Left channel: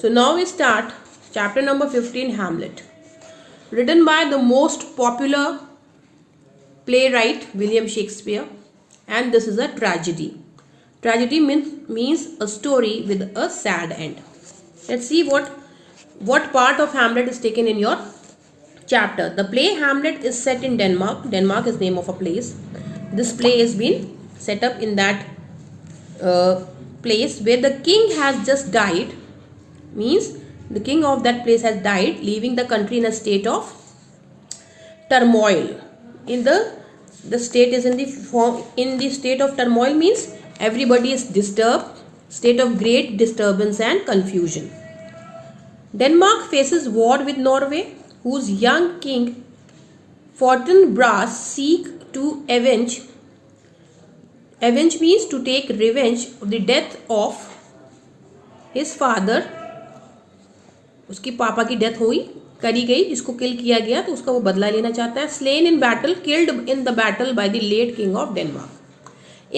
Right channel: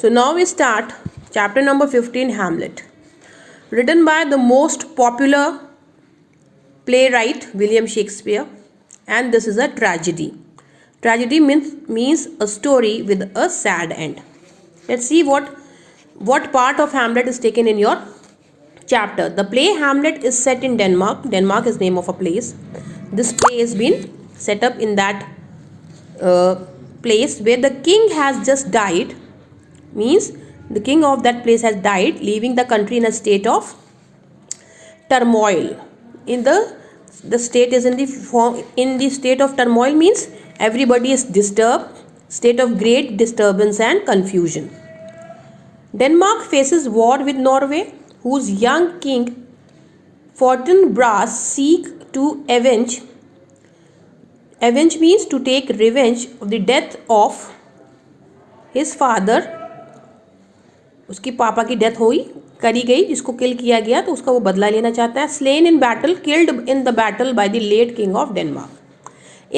So now we start chapter number 15, Hamlet, written by the most popular playwright William Shakespeare, and this is a tragedy. Tragedy means a story with a sad end. Let's see what part of Hamlet is taken in your chapter. The play Hamlet is set in Denmark. Denmark is name of a place. This play has been set up in that place where the king has just died. Means the king of that place has died, leaving the country in a state of turmoil. In the state is in the state of turmoil means everybody is disturbed, state of great disturbance and confusion. Denmark faces war with Norway, whose young king Fortinbras seek to avenge means to take revenge of the death of his father. उसकी पापा की death हुई करी गई, जिसको किल किया गया, तो उसका वो बदला लेना चाहता है. Slain in battle, killed in the battle by the late king of Denmark.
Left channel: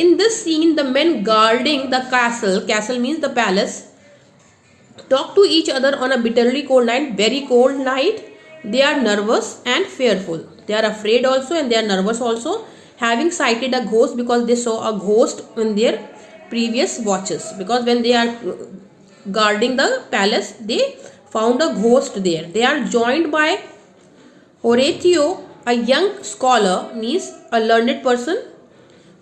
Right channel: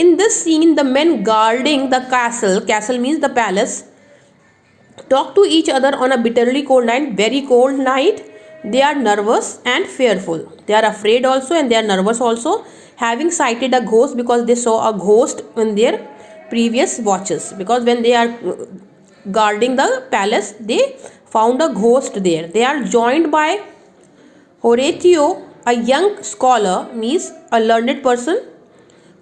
In this scene, the men guarding the castle means the palace, talk to each other on a bitterly cold night, very cold night. They are nervous and fearful. They are afraid also and they are nervous also, having sighted a ghost because they saw a ghost in their previous watches. Because when they are guarding the palace, they found a ghost there. They are joined by Horatio, a young scholar, means a learned person,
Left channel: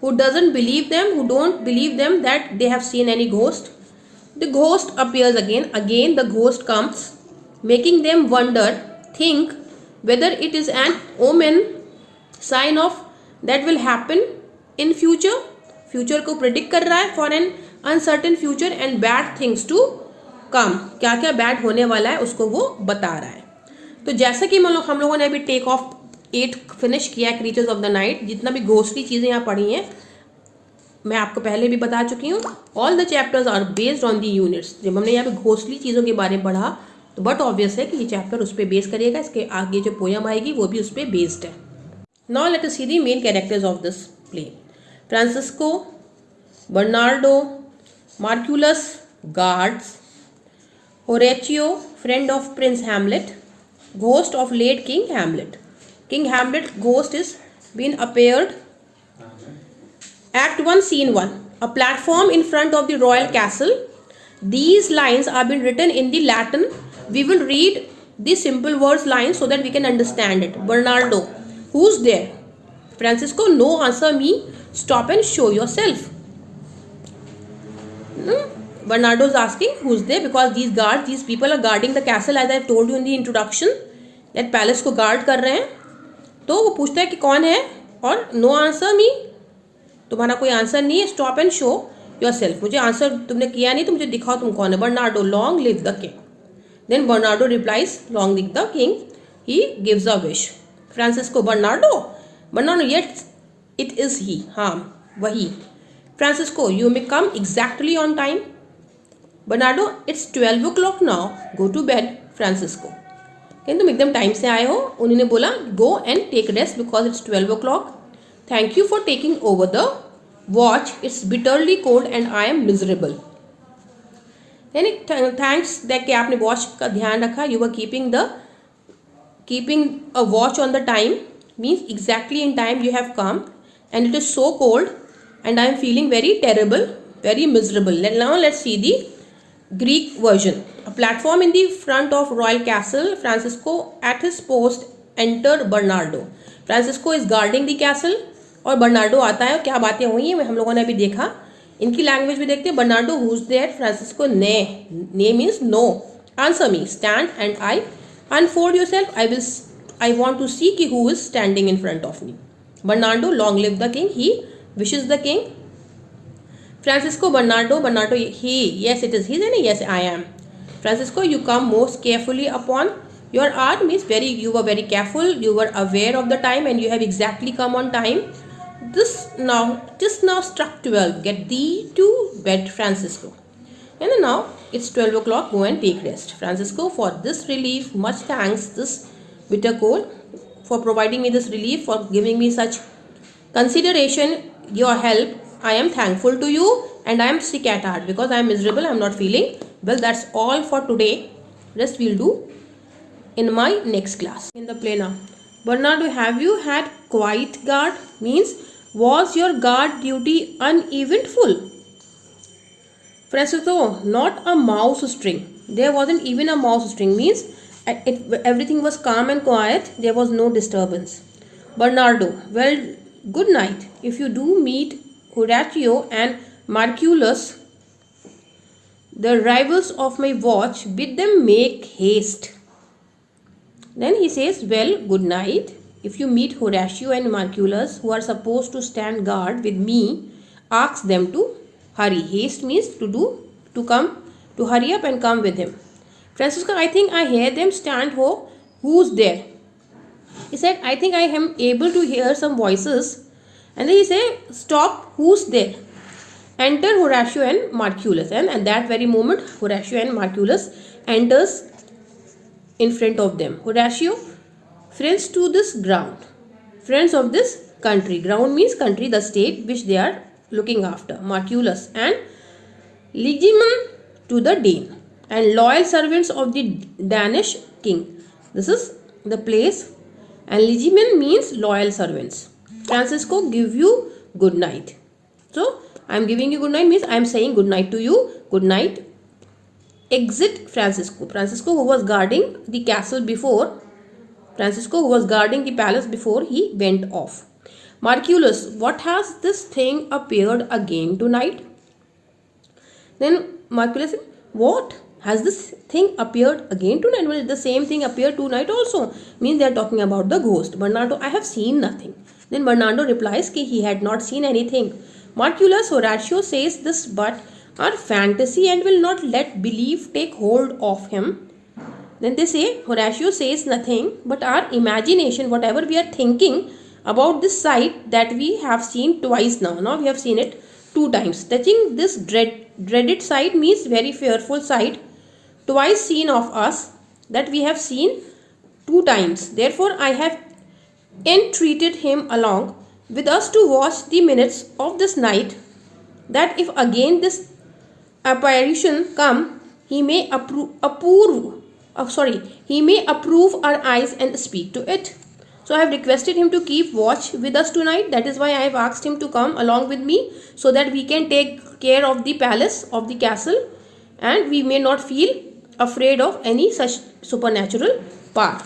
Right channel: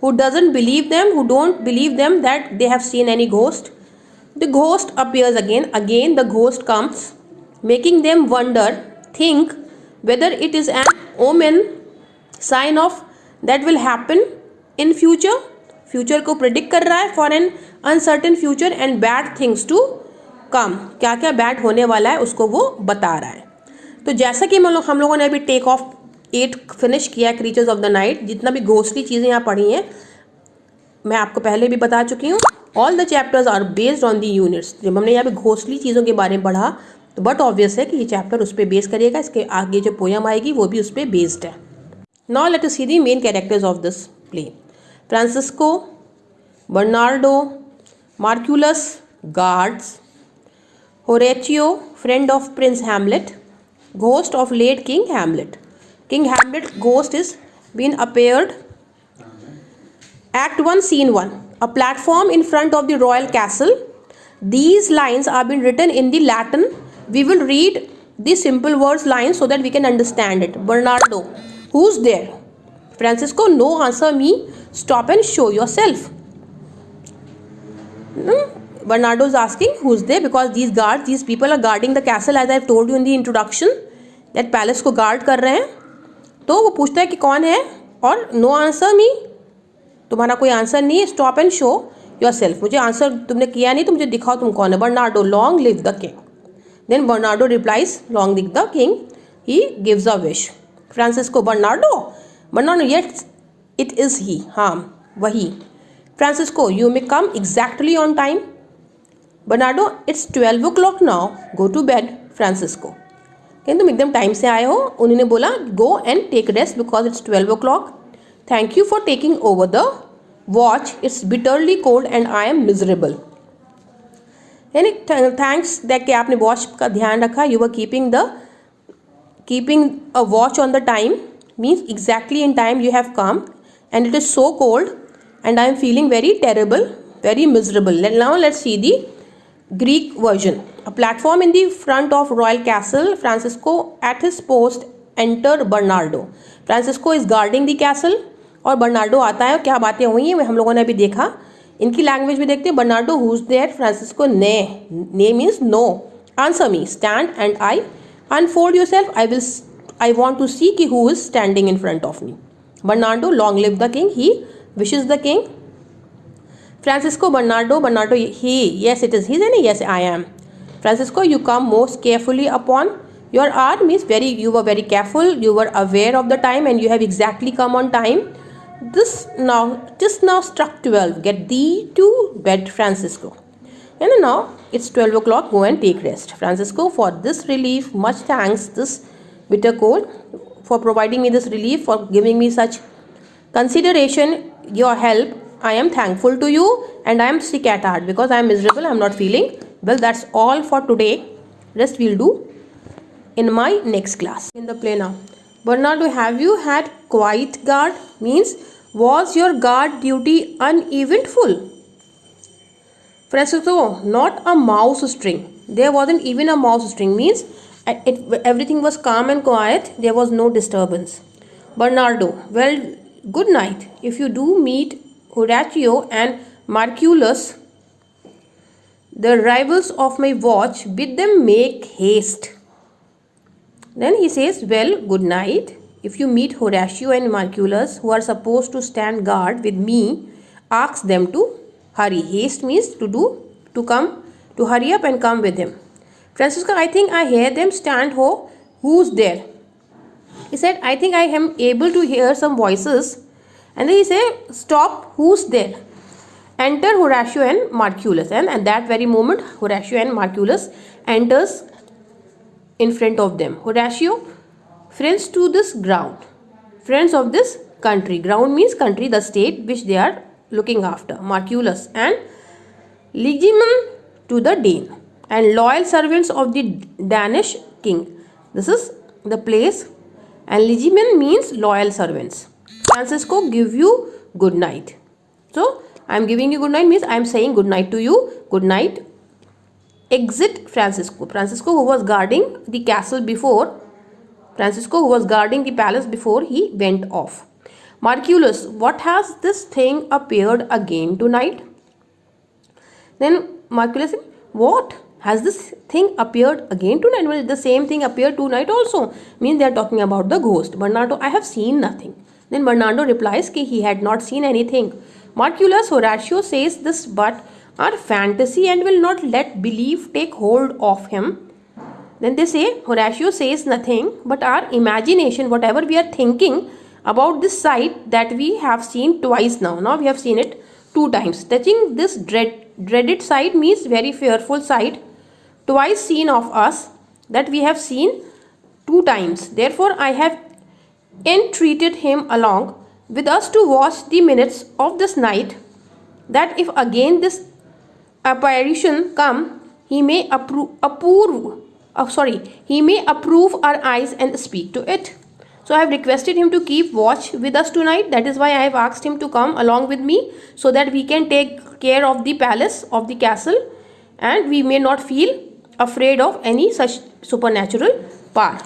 who don't believe them that they have seen any ghost. The ghost appears again the ghost comes, making them think whether it is an omen, sign of that will happen in future को predict कर रहा है for an uncertain future and bad things to come. क्या क्या bad होने वाला है उसको वो बता रहा है. तो जैसा कि हम लोगों ने अभी टेक ऑफ 8 फिनिश किया है, क्रीचर्स ऑफ द नाइट. जितना भी घोस्टली चीज़ें यहाँ पढ़ी हैं मैं आपको पहले भी बता चुकी हूँ. All the chapters are based on the units. जब हमने यहाँ पे घोस्टली चीज़ों के बारे में पढ़ा तो बट ऑब्वियस है कि ये चैप्टर उस पर बेस करिएगा. इसके आगे जो पोयम आएगी वो भी उस पर बेस्ड है. Now let us see the main characters of this play. Francisco, Bernardo, Marcellus, guards, Horatio, friend of prince Hamlet, ghost of late king Hamlet. King Hamlet ghost is been appeared. Act 1, Scene 1. A platform in front of the royal castle. These lines are been written in the Latin. We will read the simple words lines so that we can understand it. Bernardo, who's there? Francisco, no, answer me. Stop and show yourself. Bernardo is asking who's there because these people are guarding the castle, as I have told you in the introduction. That palace को guard कर रहे हैं. तो वो पूछता है कि कौन है और नो आंसर मी, तुम्हारा कोई आंसर नहीं है. Stop and show yourself, मुझे आंसर तुमने किया नहीं तो मुझे दिखाओ तुम कौन है. Bernardo, long live the king. Then Bernardo replies, long live the king. He gives a wish. Francisco, Bernardo yet it is he, हाँ वही. Francisco, you may come exactly on time. Bernardo, it's 12 o'clock now, go to bed. Francisco, कहते तुम एकदम time से आए हो. उन्होंने बोला go and take rest because it's 12 o'clock. Thank you for taking over the watch, it's bitterly cold and I am miserable. यानी thanks that कि आपने वॉच का ध्यान रखा. You were keeping a watch on the time means exactly in time you have come and it is so cold and I am feeling very terrible, very miserable. Now let's see the Greek version. A platform in the front of royal castle. Francisco at his post enter Bernardo. Francisco is guarding the castle और Bernardo आता है. क्या बातें हुई हैं हम लोगों ने अभी देखा. इनकी लैंग्वेज भी देखते हैं. Bernardo, who's there? Francisco, nay means no. Answer me. Stand and I unfold yourself. I want to see who is standing in front of me. Bernardo, long live the king. He wishes the king. Francisco, Bernardo, he, yes it is he, yes I am. Francisco, you come most carefully upon your hour means you were very careful, you were aware of the time and you have exactly come on time. This now struck 12, get thee to bed, Francisco. And now it's 12 o'clock, go and take rest. Francisco, for this relief much thanks, this bitter cold, for providing me this relief, for giving me such consideration, your help. I am thankful to you and I am sick at heart because I am miserable. I am not feeling Well, that's all for today. Rest we'll do in my next class. In the play now. Bernardo, have you had quiet guard? Means, was your guard duty uneventful? Francisco, not a mouse string. There wasn't even a mouse string. Means, everything was calm and quiet. There was no disturbance. Bernardo, well, good night. If you do meet Horatio and Marculus, the rivals of my watch, bid them make haste. Then he says, well, good night. If you meet Horatio and Marculus, who are supposed to stand guard with me, ask them to hurry. Haste means to hurry up and come with him. Francisco, I think I hear them stand. Who's there? He said, I think I am able to hear some voices. And then he said, stop, who's there? Enter Horatio and Marculus. And at that very moment, Horatio and Marculus enters in front of them. Horatio, friends to this ground. Friends of this country. Ground means country, the state which they are looking after. Marculus and Liegemen to the Dane. And loyal servants of the Danish king. This is the place. And Liegemen means loyal servants. Francisco, give you good night. So, I am giving you good night means I am saying good night to you. Good night. Exit Francisco. Francisco, who was guarding the castle before. Francisco, who was guarding the palace before he went off. Marculus, what has this thing appeared again tonight? Then Marculus said, what? Has this thing appeared again tonight? Well, the same thing appeared tonight also. Means they are talking about the ghost. Bernardo, I have seen nothing. Then Bernardo replies that he had not seen anything. Marculus, Horatio says this but our fantasy and will not let belief take hold of him. Then they say, Horatio says nothing but our imagination, whatever we are thinking about this sight that we have seen twice now. Now we have seen it 2 times. Touching this dreaded sight means very fearful sight. Twice seen of us that we have seen 2 times. Therefore, I have entreated him along with us to watch the minutes of this night, that if again this apparition come, he may approve our eyes and speak to it. So I have requested him to keep watch with us tonight. That is why I have asked him to come along with me, so that we can take care of the palace, of the castle, and we may not feel afraid of any such supernatural power.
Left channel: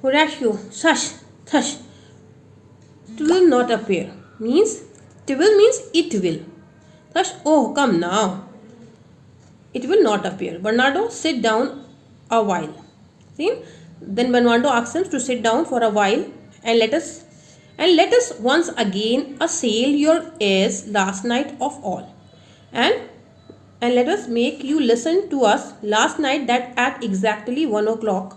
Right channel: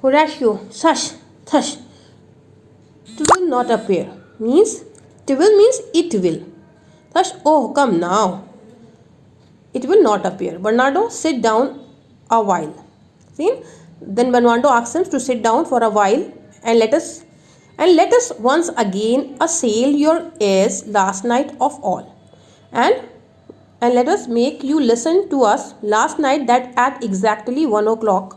Horatio, such. It will not appear. Means, it will. Thus, oh, come now. It will not appear. Bernardo, sit down a while. See? Then Bernardo asks him to sit down for a while and let us once again assail your ears last night of all. And let us make you listen to us last night that at exactly 1 o'clock.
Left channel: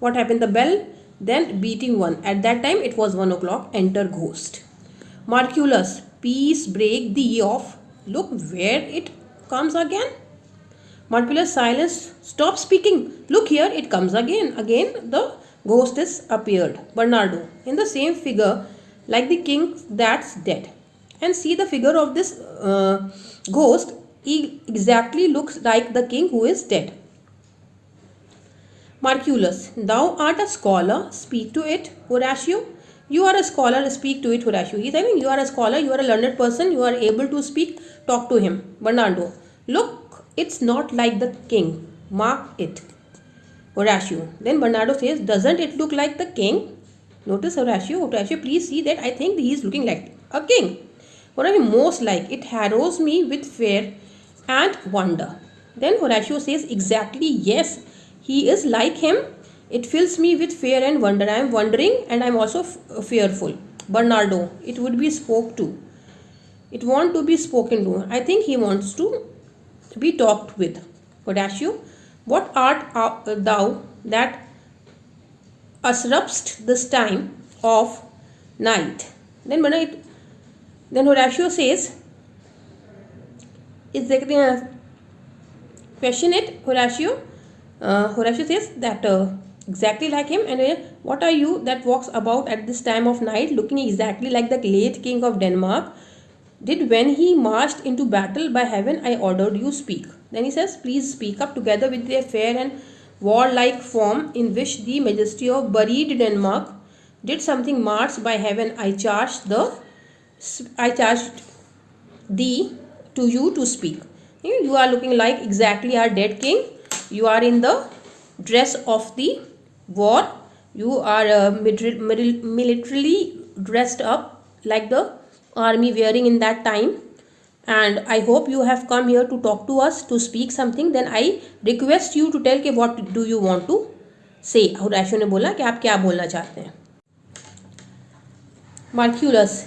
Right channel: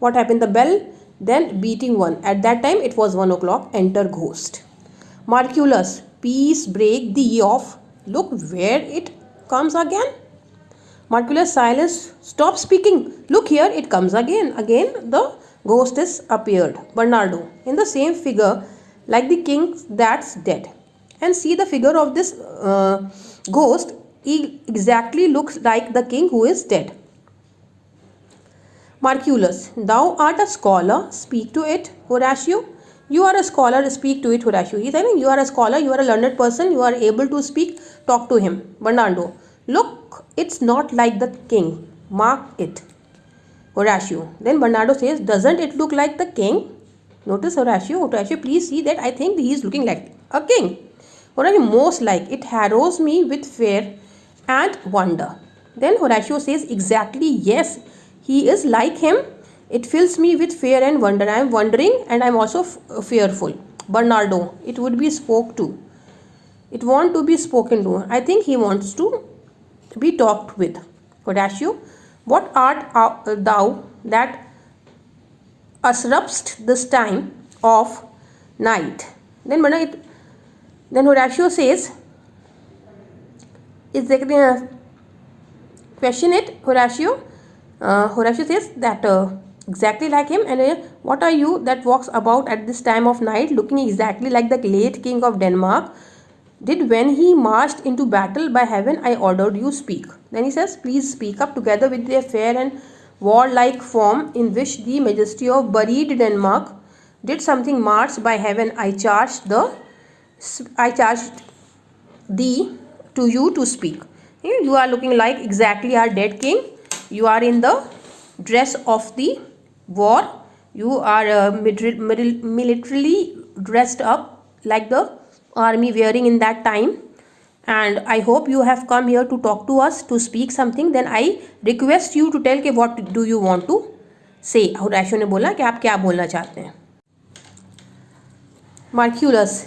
What happened? The bell then beating 1. At that time it was 1 o'clock. Enter ghost. Marculus, peace break thee off. Look where it comes again. Marculus, silence, stop speaking. Look here, it comes again. Again the ghost is appeared. Bernardo, in the same figure like the king that's dead. And see the figure of this ghost. He exactly looks like the king who is dead. Marculus, thou art a scholar, speak to it. Horatio, you are a scholar, speak to it. Horatio, he is saying, you are a scholar, you are a learned person, you are able to speak, talk to him. Bernardo, look, it's not like the king, mark it. Horatio, then Bernardo says, doesn't it look like the king? Notice Horatio, please see that I think he is looking like a king. Horatio, most like, it harrows me with fear and wonder. Then Horatio says, exactly, yes, he is like him. It fills me with fear and wonder. I am wondering and I am also fearful. Bernardo, it would be spoke to. It want to be spoken to. I think he wants to be talked with. Horatio, what art thou that usurpst this time of night? Then Horatio says, is there question it? Horatio says that exactly like him. And what are you that walks about at this time of night, looking exactly like the late king of Denmark? did when he marched into battle by heaven I ordered you speak. Then he says, please speak up together with their fair and warlike form in which the majesty of buried Denmark did something marched by heaven. I charged thee to you to speak. You are looking like exactly our dead king. You are in the dress of the war. You are militarily dressed up like the army wearing in that time, and I hope you have come here to talk to us, to speak something. Then I request you to tell कि what do you want to say. होराशियो ने बोला कि आप क्या बोलना चाहते हैं. Marculus,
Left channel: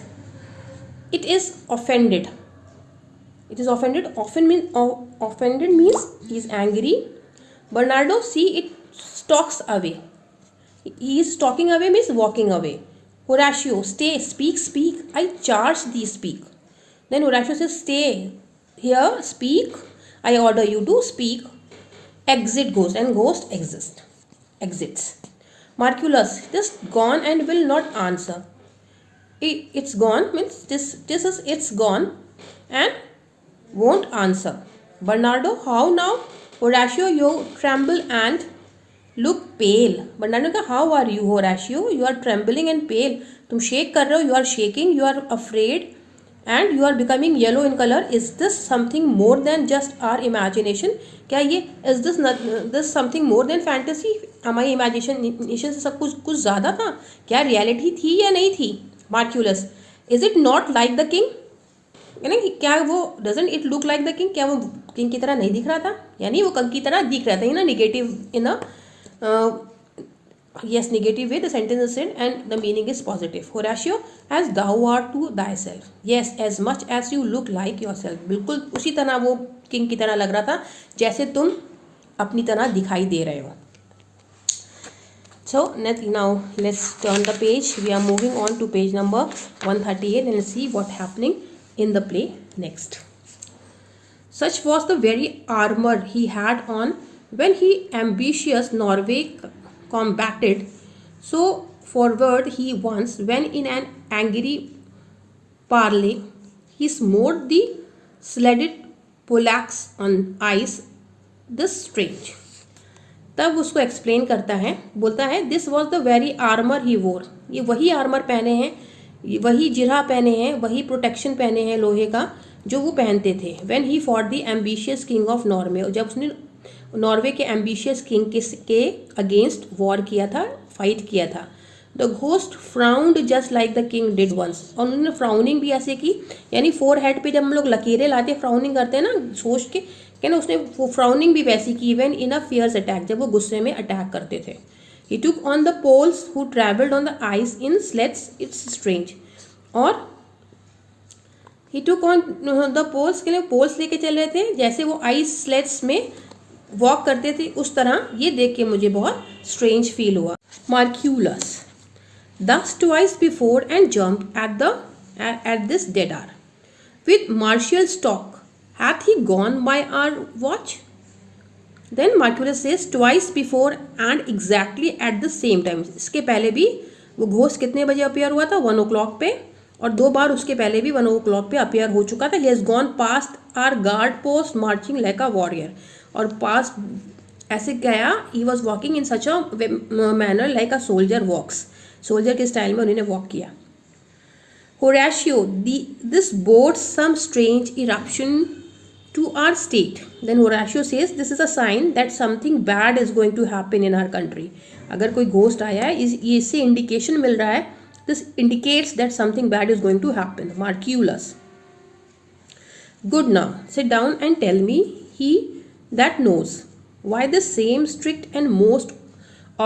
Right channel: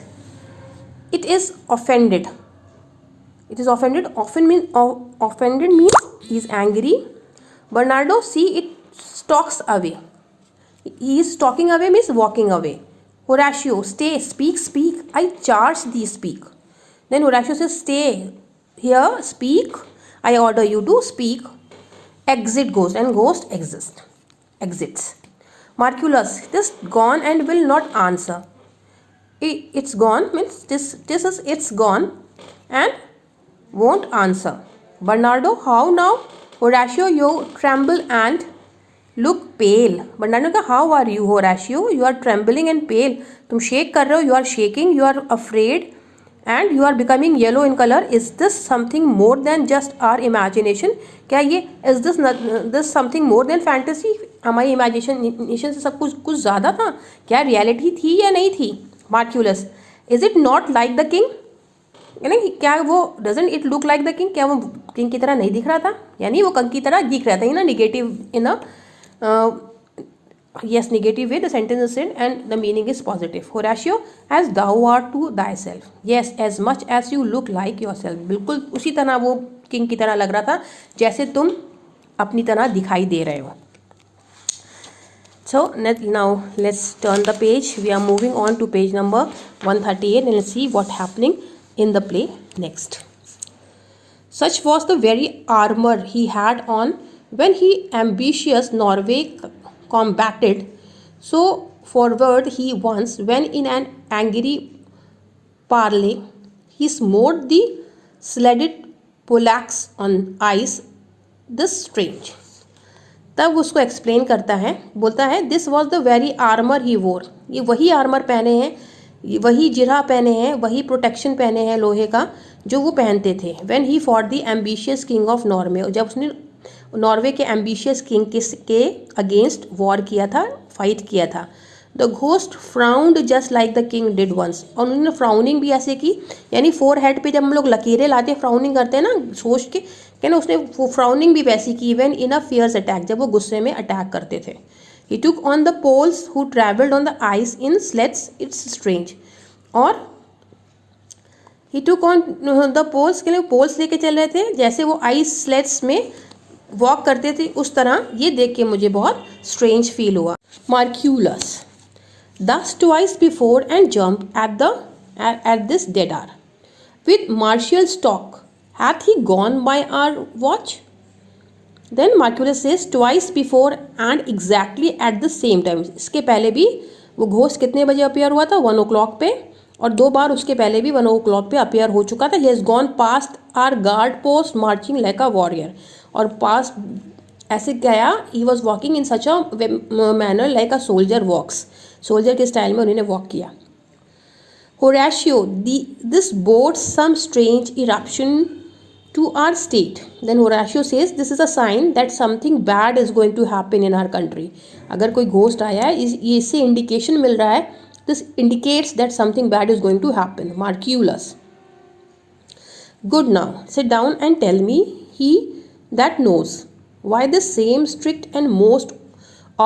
it is offended. It is offended. Offended means he is angry. Bernardo, see, it stalks away. He is stalking away means walking away. Horatio, stay, speak, speak. I charge thee, speak. Then Horatio says, stay here, speak. I order you to speak. Exit ghost, and ghost exits. Marculus, this gone and will not answer. It's gone means this is it's gone and won't answer. Bernardo, how now? Horatio, you tremble and look pale. Bernardo का how are you? Horatio, you are trembling and pale. तुम shake कर रहे हो. You are shaking. You are afraid, and you are becoming yellow in color. Is this something more than just our imagination? क्या ये is this something more than fantasy? हमारी imagination से सब कुछ ज़्यादा था. क्या reality थी या नहीं थी? Marculus, is it not like the king? यानी क्या वो doesn't it look like the king, क्या वो किंग की तरह नहीं दिख रहा था? यानी वो कंग की तरह दिख रहा था in a negative in a yes negative way the sentence is said and the meaning is positive. Horatio, as thou art to thyself. Yes, as much as you look like yourself. बिल्कुल उसी तरह वो king की तरह लग रहा था जैसे तुम अपनी तरह दिखाई दे रहे हो. So now let's turn the page. We are moving on to page number 138 and let's see what happening in the play next. Such was the very armor he had on when he ambitious Norway combated so forward he once, when in an angry parley he smote the sledded Polacks on ice. This strange. तब उसको explain करता है, बोलता है this was the very armour he wore. ये वही armour पहने हैं, वही जिरा पहने हैं, वही प्रोटेक्शन पहने हैं लोहे का जो वो पहनते थे. When he for the ambitious king of Norway, जब उसने नॉर्वे के एम्बिशियस किंग के अगेंस्ट वॉर किया था, फाइट किया था. The ghost frowned just like the king did once. और उन्होंने फ्राउनिंग भी ऐसे की, यानी फोर हेड पे जब हम लोग लकीरें लाते फ्राउनिंग करते हैं ना सोच के, क्या ना उसने वो फ्राउनिंग भी वैसी की. Even in a fierce attack, जब वो गुस्से में अटैक करते थे. He took on the Poles who travelled on the ice in sleds. It's strange. और he took on the Poles, के लिए पोल्स लेके चल रहे थे जैसे वो आइस स्लेट्स में वॉक करते थे उस तरह. ये देख के मुझे बहुत स्ट्रेंज फील हुआ. मार्क्यूलस, thus twice before and jumped at this dead hour. With martial stalk, hath he gone by our watch? Then Marculus says twice before and exactly at the same time. इसके पहले भी वो ghost कितने बजे appear हुआ था? 1 o'clock पे, और 2 बार उसके पहले भी 1 o'clock पे अपियर हो चुका था. He has gone past our guard post marching like a warrior. और पास ऐसे गया, he was walking in such a manner like a soldier walks. Soldier के स्टाइल में उन्होंने वॉक किया. Horatio, this bodes some strange eruption to our state. Then Horatio says this is a sign that something bad is going to happen in our country. अगर कोई ghost आया है, इससे indication मिल रहा है. This indicates that something bad is going to happen. Marculus, good, now sit down and tell me, he that knows, why the same strict and most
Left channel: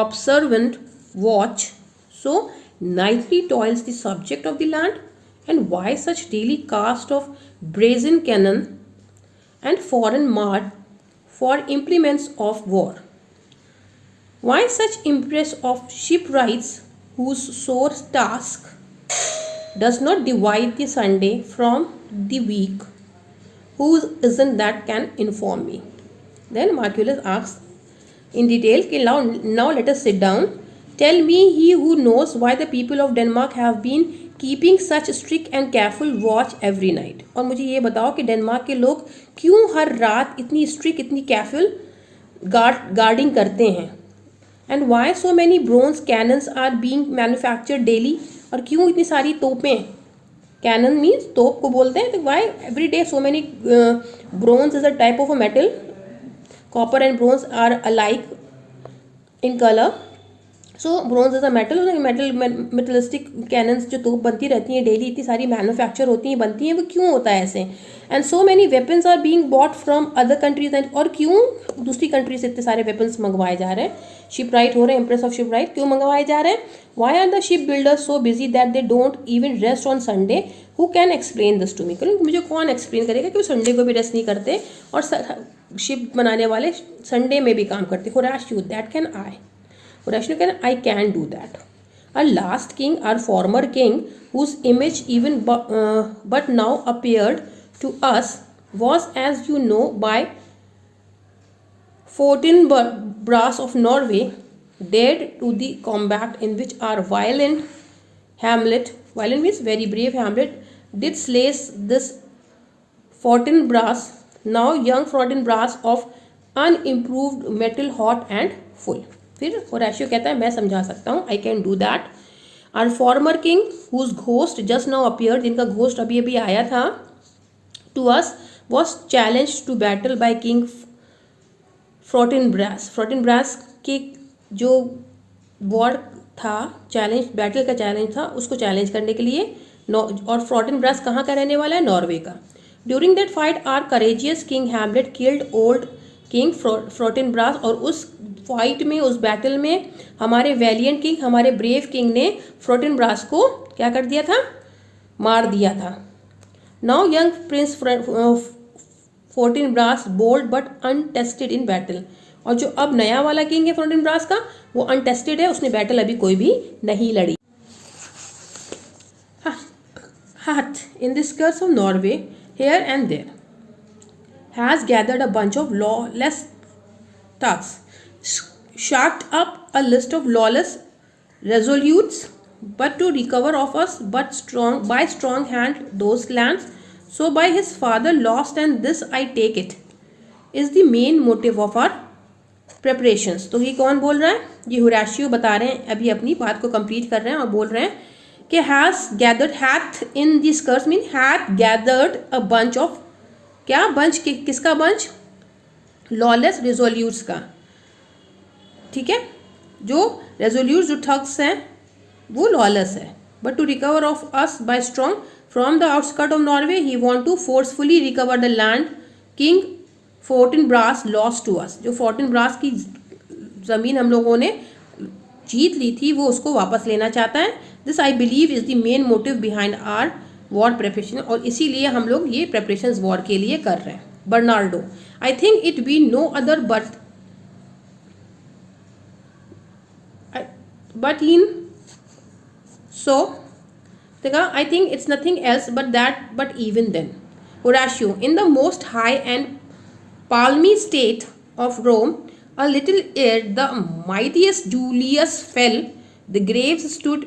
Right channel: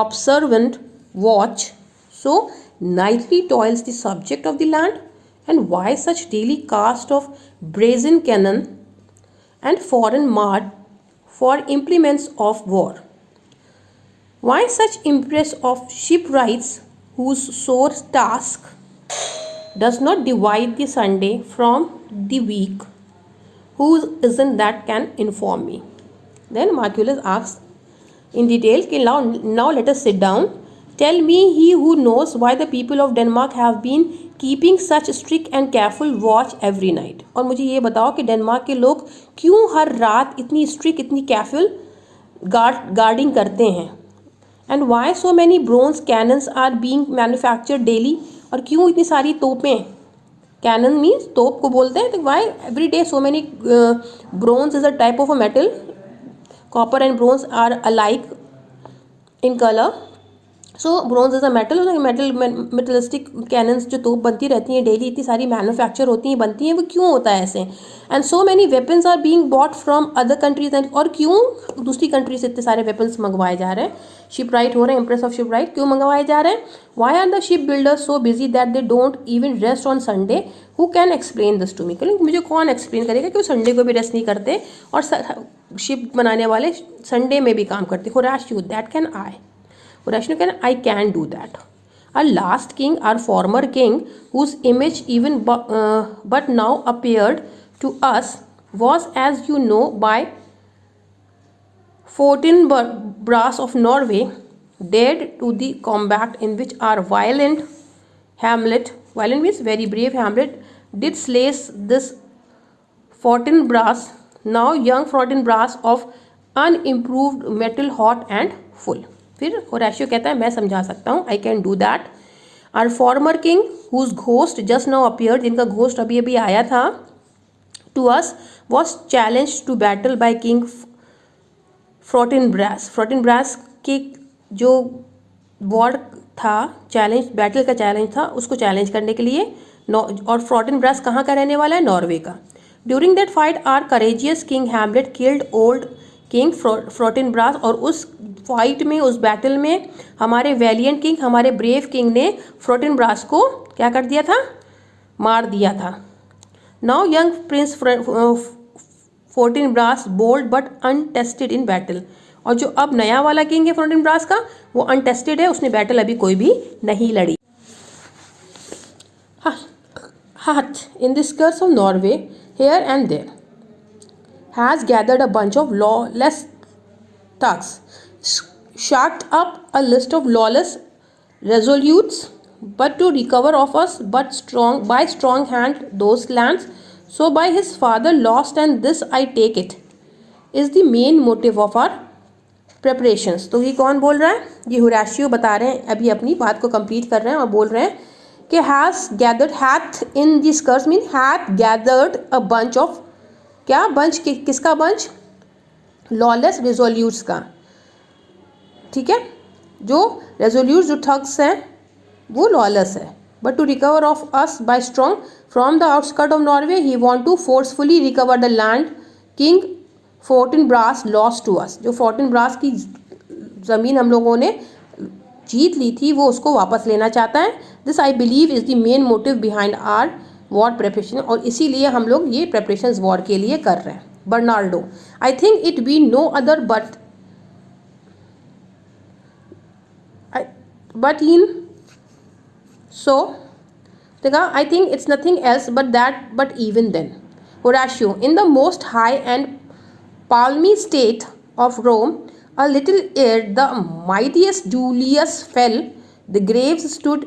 observant watch so nightly toils the subject of the land, and why such daily cast of brazen cannon and foreign mud for implements of war? Why such impress of shipwrights whose sore task does not divide the Sunday from the week? Who isn't that can inform me? Then Marculus asks in detail, now let us sit down. Tell me, he who knows, why the people of Denmark have been keeping such strict and careful watch every night. और मुझे ये बताओ कि Denmark के लोग क्यों हर रात इतनी स्ट्रिक्ट, इतनी केयरफुल गार्डिंग करते हैं। And why so many bronze cannons are being manufactured daily, और क्यों इतनी सारी तोपें, कैनन मीन्स तोप को बोलते हैं, तो why every day so many bronze is a type of a metal, copper and bronze are alike in colour, so bronze is a metal, metallistic cannons जो तोप बनती रहती हैं डेली, इतनी सारी मैन्युफैक्चर होती हैं, बनती हैं, वो क्यों होता है ऐसे। And so many weapons are being bought from other countries, and और क्यों दूसरी कंट्री से इतने सारे वेपन्स मंगवाए जा रहे हैं, शिप राइट हो रहे हैं, एम्प्रेस ऑफ शिप राइट क्यों मंगवाए जा रहे हैं। Why are the ship builders so busy that they don't even rest on Sunday, who can explain this to me, मुझे कौन एक्सप्लेन करेगा कि वो संडे को भी रेस्ट नहीं करते, और शिप बनाने वाले संडे में भी काम करते। Horatio, that can I, Horatio can, I can do that. Our last king, our former king, whose image even but now appeared to us, was, as you know, by Fortinbras of Norway, dead to the combat in which our violent means very brave Hamlet, did slay this Fortinbras, now young Fortinbras of unimproved metal, hot and full. फिर होराशियो कहता है मैं समझा सकता हूँ, I can do that. Our former king whose ghost just now appeared, जिनका ghost अभी अभी आया था, to us was challenge to battle by king Fortinbras. Fortinbras के जो वॉर था, चैलेंज, बैटल का चैलेंज था, उसको चैलेंज करने के लिए, और फ्रोटिनब्रास कहाँ का रहने वाला है, नॉर्वे का। During that fight our courageous king Hamlet killed old king Fortinbras, और उस फाइट में, उस बैटल में हमारे वैलियंट किंग, हमारे ब्रेव किंग ने फ्रोटिनब्रास को क्या कर दिया था, मार दिया था। Now young prince Fortinbras bold but untested in battle, और जो अब नया वाला किंग है फ्रोटिनब्रास का, वो अनटेस्टेड है, उसने बैटल अभी कोई भी नहीं लड़ी। Hath in the skirts of Norway here and there has gathered a bunch of lawless thugs, shot up a list of lawless resolutes, but to recover of us but strong hand those lands, so by his father lost, and this I take it is the main motive of our preparations। तो ये कौन बोल रहा है, ये होराशियो बता रहे हैं, अभी अपनी बात को कंप्लीट कर रहे हैं और बोल रहे हैं कि has gathered, hath in the skirts mean hath gathered a bunch of, क्या बंच, किसका बंच, लॉलेस रिजोल्यूट्स का, ठीक है, जो रेजोल्यूट जो ठग्स हैं वो लॉलेस है, but to recover of us by strong from the outskirt of Norway he want to forcefully recover the land king Fortinbras lost to us, जो फोर्टिनब्रास की ज़मीन हम लोगों ने जीत ली थी वो उसको वापस लेना चाहता है। This I believe is the main motive behind our war preparation, और इसीलिए हम लोग ये प्रेपरेशंस वॉर के लिए कर रहे हैं। Bernardo, I think it be no other but in so देखा, I think it's nothing else but that, but even then. Horatio, in the most high and palmy state of Rome, a little ere the mightiest Julius fell, the graves stood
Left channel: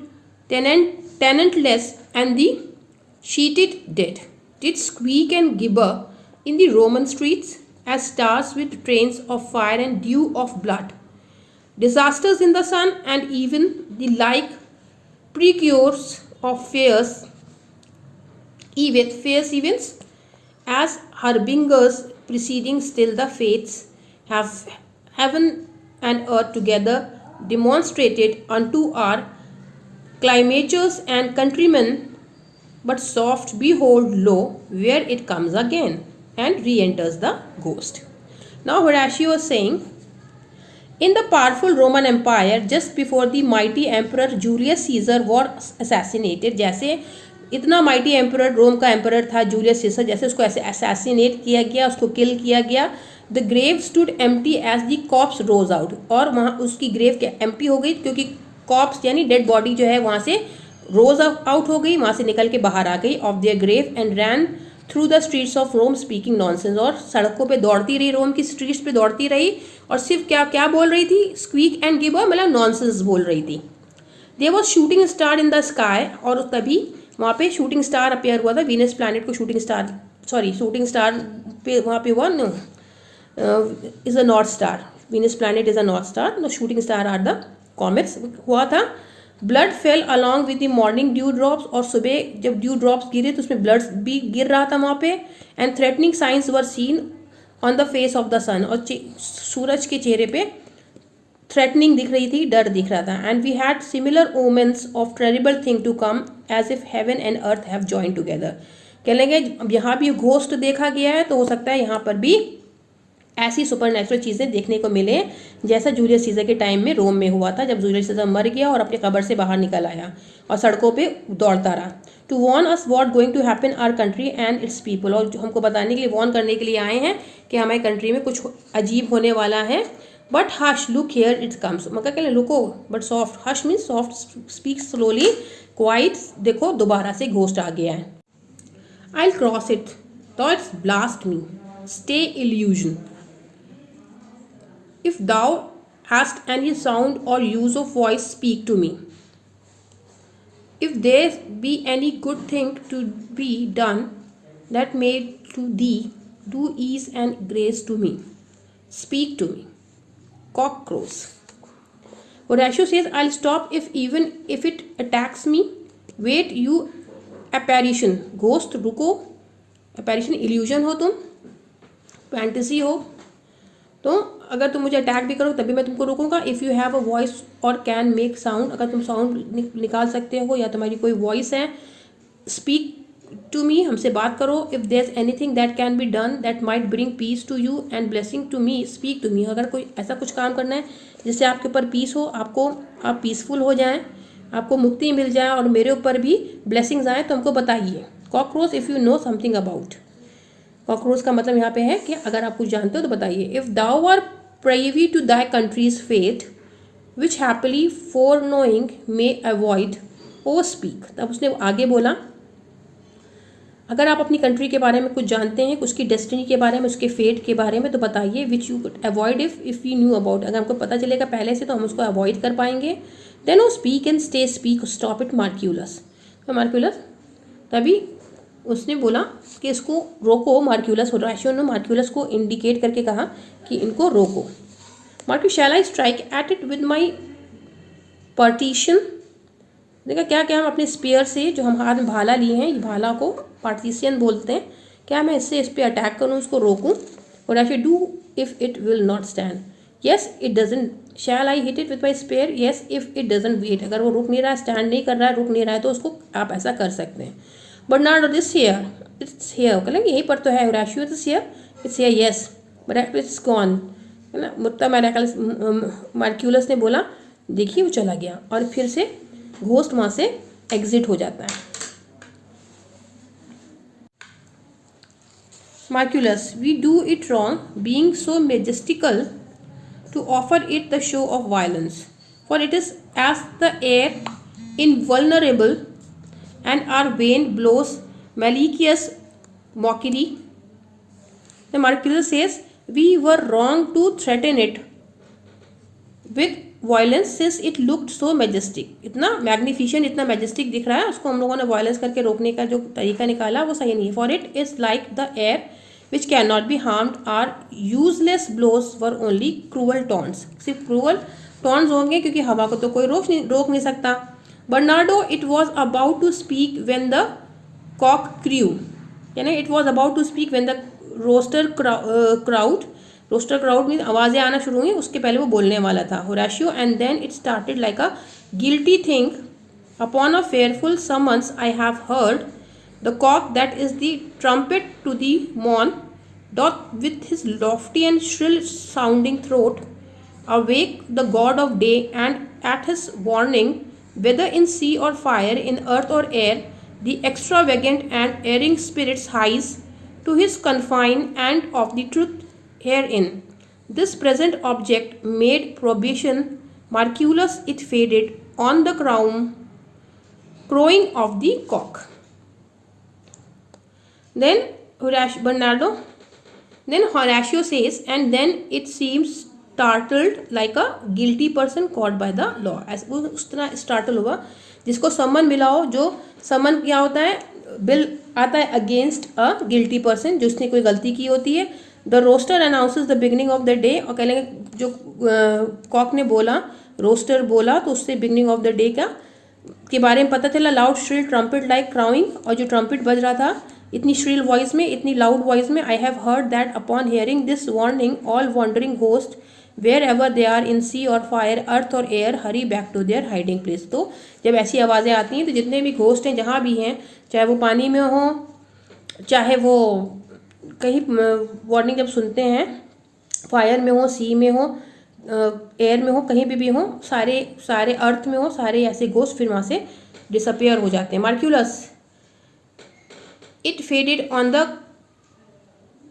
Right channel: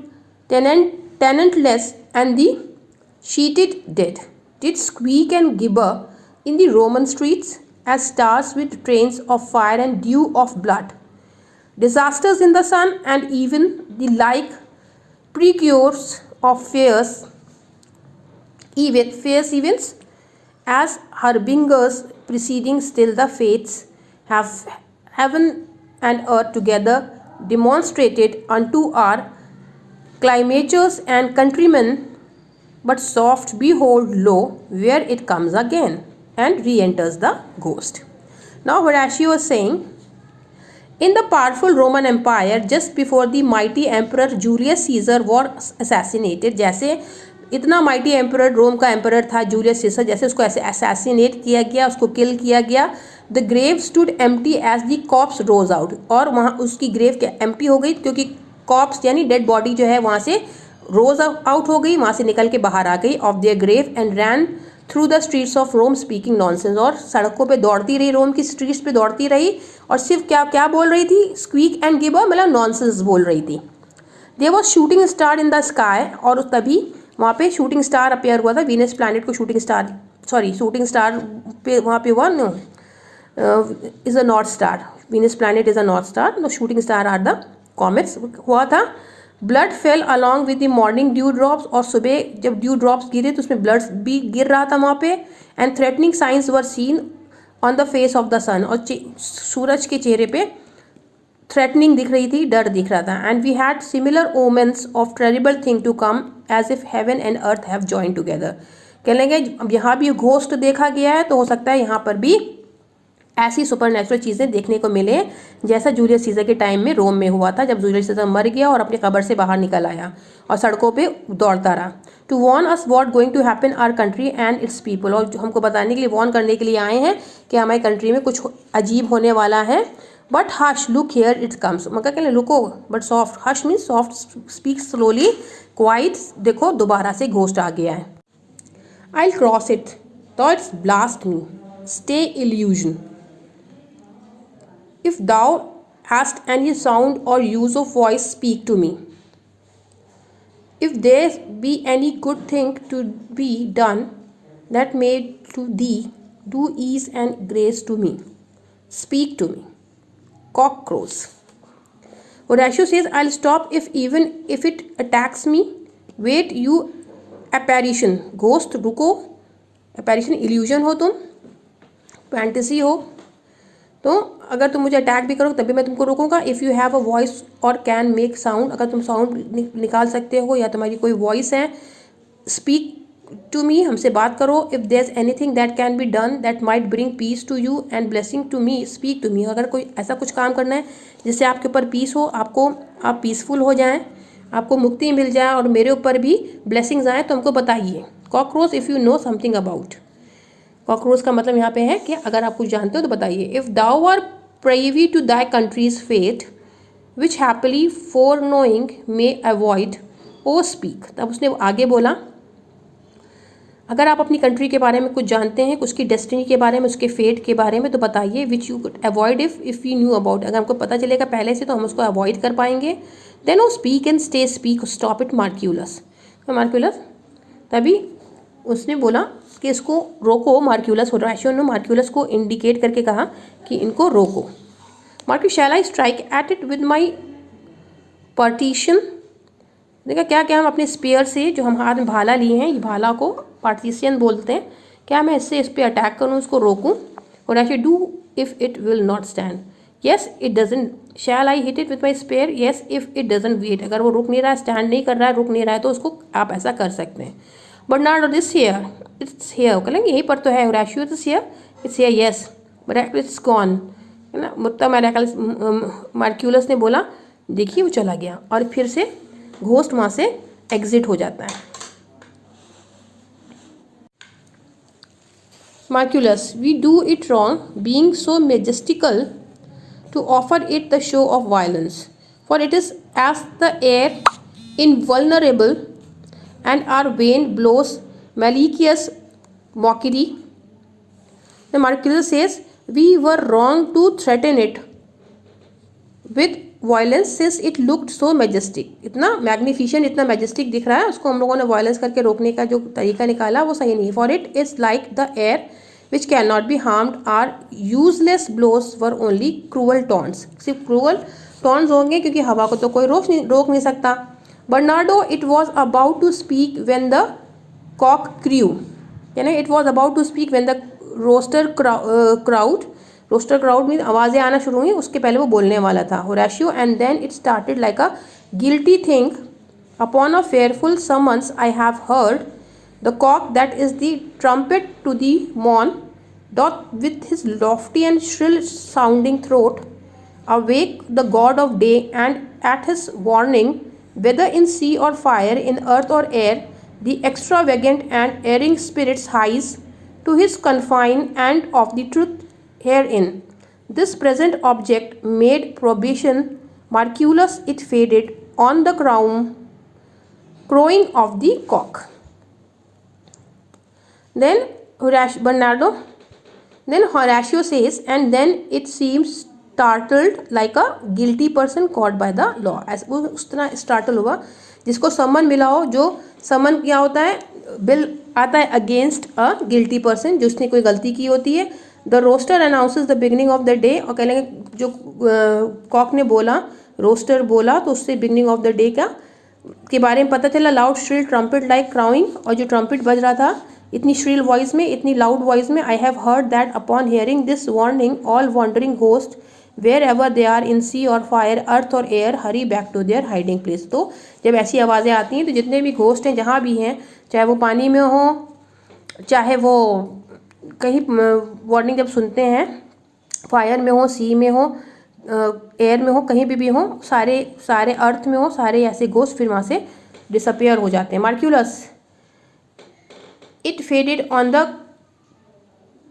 tenantless, and the sheeted dead did squeak and gibber in the Roman streets as stars with trains of fire and dew of blood. Disasters in the sun and even the like precursors of fierce events as harbingers preceding, still the fates have heaven and earth together demonstrated unto our climatures and countrymen, but soft behold lo, where it comes again and re-enters the ghost. Now Horatio is saying, in the powerful Roman Empire just before the mighty emperor Julius Caesar was assassinated, जैसे इतना mighty emperor, रोम का emperor था Julius सीसर, जैसे उसको ऐसे assassinate किया गया, उसको किल किया गया, the grave stood empty as the corpse rose out, और वहाँ उसकी ग्रेव क्या एम्प्टी हो गई, क्योंकि कॉप्स यानी डेड बॉडी जो है वहाँ से रोज आउट हो गई, वहाँ से निकल के बाहर आ गई of their grave, and ran through the streets of Rome speaking nonsense, और सड़कों पे दौड़ती रही, रोम की स्ट्रीट्स पे दौड़ती रही, और सिर्फ क्या क्या बोल रही थी, स्क्वीक एंड गिबर, मतलब नॉनसेंस बोल रही थी। There was shooting star in the sky, और तभी वहाँ पे शूटिंग स्टार अपेयर हुआ था, वीनस प्लैनेट को शूटिंग स्टार पे वहाँ पे हुआ, no is a north star, Venus planet is a north star, no shooting star are the comets हुआ था। Blood fell along with the morning dew drops, और सुबह जब ड्यू ड्रॉप्स गिरे तो उसमें ब्लड भी गिर रहा था वहाँ पे। And threatening signs were seen on the face of the sun, और सूरज के चेहरे पे थ्रेटनिंग दिख रही थी, डर दिख रहा था। And we had similar omens of terrible thing to come as if heaven and earth have join together. कह लेंगे अब यहाँ भी घोस्ट देखा गया है, तो हो सकता है यहाँ पर भी ऐसी सुपरनेचुरल चीज़ें देखने को मिले जैसा जूलियस सीजर के टाइम में रोम में हुआ था, जब जूलियस सीजर मर गया और अपनी कब्र से बाहर निकल आया और सड़कों पे दौड़ता रहा। To warn us what going to happen our country and its people, और हमको बताने के लिए, वॉर्न करने के लिए आए हैं कि हमारी कंट्री में कुछ अजीब होने वाला है। But hush look here it comes, मगर कहले लुको but soft, hush mean soft, speak slowly, quiet, देखो दोबारा से घोस्ट आ गया है। I cross it thoughts blast me, stay illusion, if thou hast any sound or use of voice, speak to me. If there be any good thing to be done that may to thee do ease and grace to me, speak to me. Cock crows. Horatio says, I'll stop even if it attacks me. Wait, you apparition, ghost, रुको, apparition illusion हो तुम, fantasy हो, तो अगर तुम मुझे attack भी करो तभी मैं तुमको रोकूंगा। If you have a voice or can make sound, अगर तुम साउंड निकाल सकते हो या तुम्हारी कोई वॉइस है, स्पीक टू मी, हमसे बात करो। If there is anything that can be done that might bring peace to you and blessing to me, speak to me, अगर कोई ऐसा कुछ काम करना है जिससे आपके ऊपर पीस हो, आप पीसफुल हो जाएं, आपको मुक्ति मिल जाए और मेरे ऊपर भी ब्लेसिंग्स आए, तो हमको बताइए। Cockroach, if you know something about, cockroach का मतलब यहाँ पे है कि अगर आप कुछ जानते हो तो बताइए। If thou are privy to thy country's fate, which happily foreknowing may avoid, O speak। तब उसने आगे बोला, अगर आप अपनी कंट्री के बारे में कुछ जानते हैं, उसकी डेस्टिनी के बारे में, उसके फेट के बारे में, तो बताइए। Which you could avoid if we knew about, अगर हमको पता चलेगा पहले से तो हम उसको अवॉइड कर पाएंगे। Then O speak and stay, speak, stop it Marcellus, तभी उसने बोला कि इसको रोको। मार्क्यूलस, होराशियो ने मार्क्यूलस को इंडिकेट करके कहा कि इनको रोको। Marcellus, shall I strike at it with my partition, देखा क्या क्या हम अपने स्पेयर से, जो हम हाथ में भाला लिए हैं, इस भाला को पार्टीशियन बोलते हैं, क्या मैं इससे इस पर अटैक करूँ, इसको रोकूँ। Horatio, do if it will not stand, yes it doesn't. Shall I hit it with my spear, yes if it doesn't wait, अगर वो रुक नहीं रहा है, स्टैंड नहीं कर रहा है, रुक नहीं रहा है, तो उसको आप ऐसा कर सकते हैं। But not this here, it's here, कहेंगे यहीं पर तो है। Horatio, it's here, yes but it's gone, है ना। मतलब मार्क्यूलस ने बोला, देखिए वो चला गया, और फिर से घोस्ट वहाँ से एग्जिट हो जाता है। Marcellus, we do it wrong being so majestical to offer it the show of violence, for it is as the air invulnerable and our vein blows malicious mockery. The Marquis says, we were wrong to threaten it with violence since it looked so majestic. इतना magnificent, इतना majestic दिख रहा है, उसको हम लोगों ने violence करके रोकने का जो तरीका निकाला वो सही नहीं है। For it is like the air which can not be harmed, our useless blows were only cruel taunts, सिर्फ क्रूअल टॉन्ट्स होंगे क्योंकि हवा को तो कोई रोक नहीं सकता। Bernardo, it was about to speak when the cock crew, यानी it was about to speak when the rooster crowd mean आवाज़ें आना शुरू हुई, उसके पहले वो बोलने वाला था। Horatio, and then it started like a guilty thing upon a fearful summons I have heard, the cock that is the trumpet to the morn doth with his lofty and shrill sounding throat awake the god of day, and at his warning, whether in sea or fire, in earth or air, the extravagant and erring spirits hies to his confine, and of the truth herein. This present object made probation, Marculus it faded on the crowing of the cock. Then Horatio says, and then it seems startled like a guilty person caught by the law. ऐसा वो उस तरह startle हुआ जिसको समन मिला हो, जो समन क्या होता है, बिल आता है अगेंस्ट अ गिल्टी पर्सन, जिसने कोई गलती की होती है। The rooster announces the beginning of the day, और कह लेंगे जो कॉक ने बोला, रोस्टर बोला, तो उससे बिगनिंग ऑफ द डे का के बारे में पता चला। लाउड श्रिल ट्रम्पेट लाइक क्राउइंग, और जो ट्रम्पेट बज रहा था इतनी श्रिल वॉइस में, इतनी लाउड वॉइस में। I have heard that upon hearing this warning all wandering host wherever they are in sea or fire, earth or air, hurry back to their hiding place. तो जब ऐसी आवाज़ें आती हैं तो जितने भी घोस्ट हैं जहाँ भी हैं, चाहे वो पानी में हो, चाहे वो कहीं वार्निंग जब सुनते हैं, फायर में हो, सी में हो, एयर में हो, कहीं भी हो, सारे अर्थ में हो, सारे ऐसे घोस्ट फिर वहाँ से डिसअपियर हो जाते हैं। Marcellus, it faded on the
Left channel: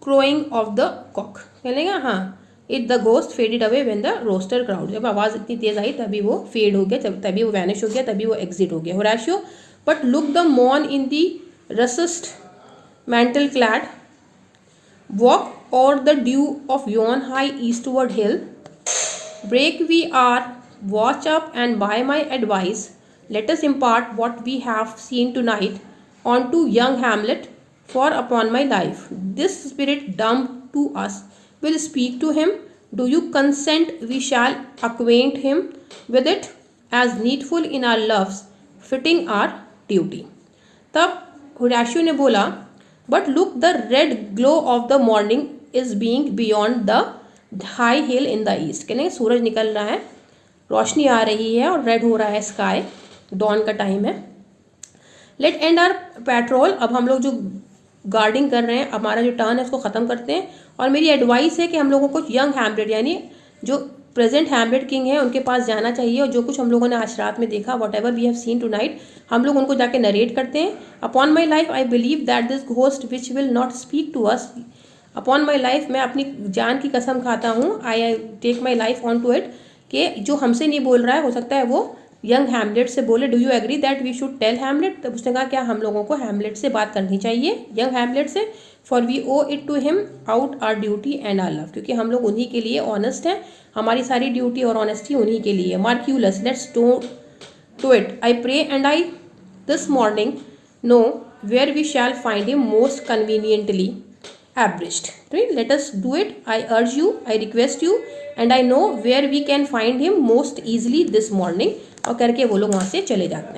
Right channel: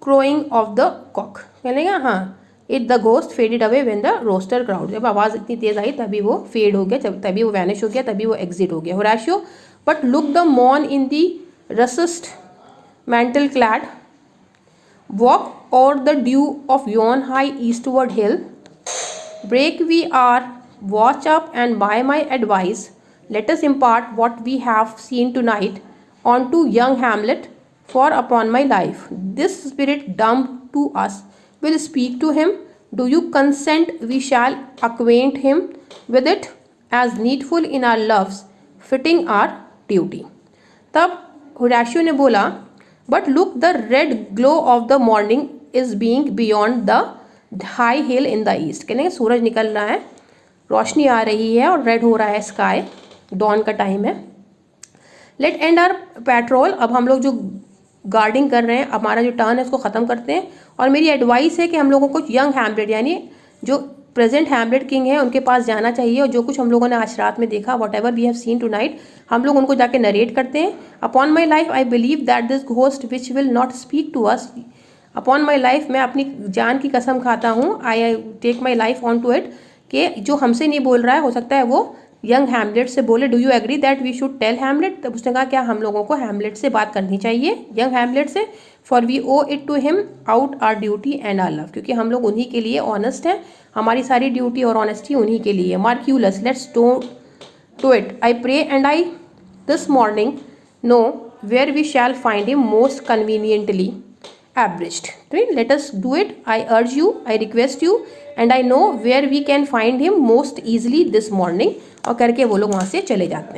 crowing of the cock, कह लेंगे हाँ, it the ghost faded away when the rooster crowed, जब आवाज़ इतनी तेज आई तभी वो फेड हो गया, तभी वो वैनिश हो गया, तभी वो एग्जिट हो गया। होराशियो, बट लुक द मॉन in the russet mantle clad walk o'er the dew of yon high eastward hill, break we our watch up and by my advice let us impart what we have seen tonight unto young Hamlet, for upon my life this spirit dumb to us will speak to him. Do you consent we shall acquaint him with it as needful in our loves fitting our duty. तब होराशियो ने बोला, but look the red glow of the morning is being beyond the high heel in the east, कह लेंगे सूरज निकल रहा है, रोशनी आ रही है और रेड हो रहा है स्काई, डॉन का टाइम है। लेट एंड आर पेट्रोल, अब हम लोग जो गार्डिंग कर रहे हैं, हमारा जो टर्न है उसको ख़त्म करते हैं। और मेरी एडवाइस है कि हम लोगों को यंग हैमलेट यानी जो प्रेजेंट हैमलेट किंग है उनके पास जाना चाहिए, और जो कुछ हम लोगों ने आज रात में देखा, whatever we have seen tonight, हम लोग उनको जाके नरेट करते हैं। Upon my life I believe that this ghost which will not speak to us, upon my life, मैं अपनी जान की कसम खाता हूँ, I take my life on to it, कि जो हमसे नहीं बोल रहा है हो सकता है वो यंग हैमलेट से बोले। Do you agree that we should tell Hamlet, तब उसने कहा क्या हम लोगों को हैमलेट से बात करनी चाहिए, यंग हैमलेट से, for we owe it to him out our duty and our love, क्योंकि हम लोग उन्हीं के लिए ऑनेस्ट हैं, हमारी सारी ड्यूटी और ऑनेस्टी उन्हीं के लिए। Marcellus, let's to it, I pray and I this morning know where we shall find him most conveniently abridged. Let us do it. I urge you, I request you, and I know where we can find him most easily this morning. और करके वो लोग वहाँ से चले जाते हैं।